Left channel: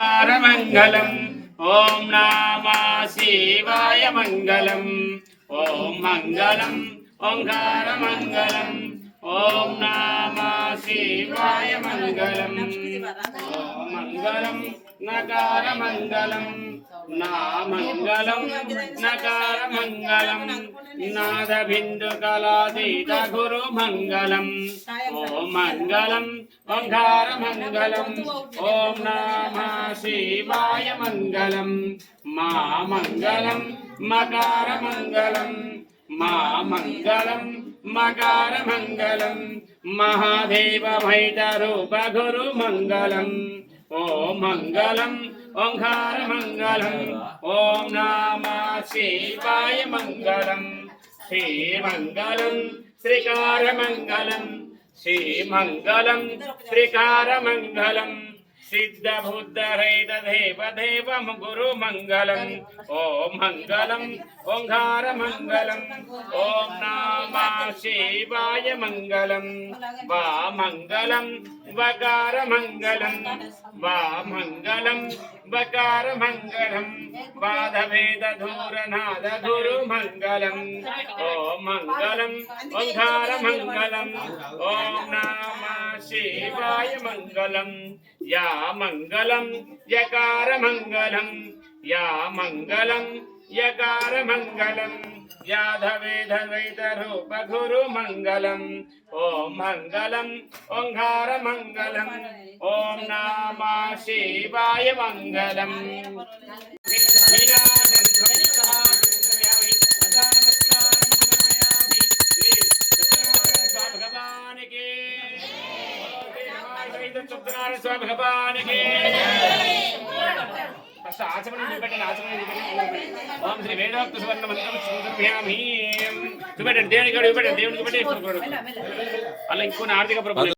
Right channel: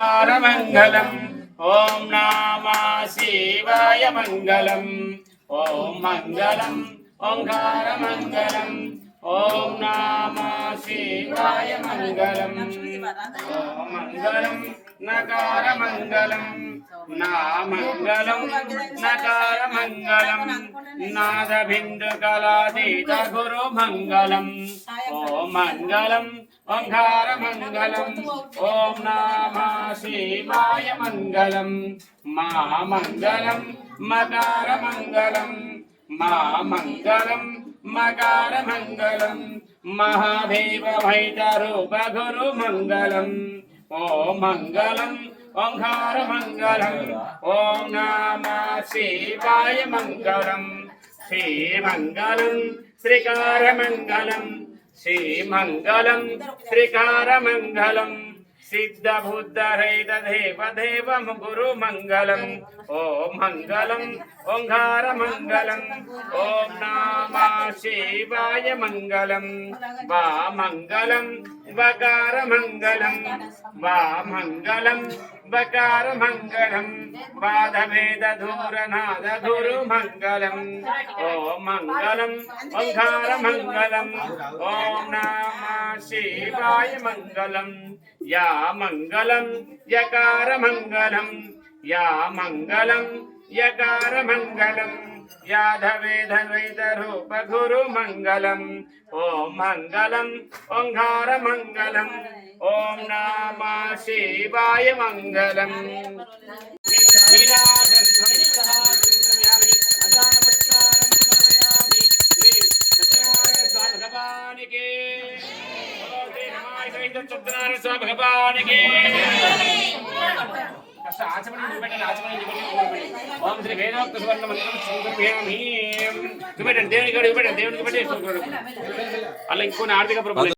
मंगलम ओम नमः शिवाय मंगलम ओम मंगलम ओंकार मंगलम ओम नमः शिवाय मंगलम ओम मंगलम नकार मंगलम ना मंगलम नकार मंगलम नाद बिंदु कलातीत गुरु मंगलम ओम मंगलम ओंकार मंगलम ओम नमः शिवाय मंगलम मा मंगलम मकार मंगलम मा मंगलम मकार मंगलम महादेव भैतरूप गुरु मंगलम ओम मंगलम ओंकार मंगलम ओम नमः शिवाय मंगलम श्री मंगलम श्रीकार मंगलम श्री मंगलम श्रीकार मंगलम सिद्ध बुद्ध रहित देव देवम गुरु मंगलम ओम मंगलम ओंकार मंगलम ओम नमः शिवाय मंगलम वा मंगलम वकार मंगलम वा मंगलम वकार मंगलम वाद भेद धूर नाद गुरु मंगलम ओम मंगलम ओंकार मंगलम ओम नमः शिवाय मंगलम या मंगलम यकार मंगलम या मंगलम यकार मंगलम याधवेद वेद रूप गुरु मंगलम ओम मंगलम ओंकार मंगलम ओम नमः शिवाय मंगलम भगवान के आचमन ओम श्री वेदोक्त सुवर्ण मंत्रम समर्पयामि దేవునికి దేవునికి అలా ఇంకో ఆర్థిక ప్రభుత్వం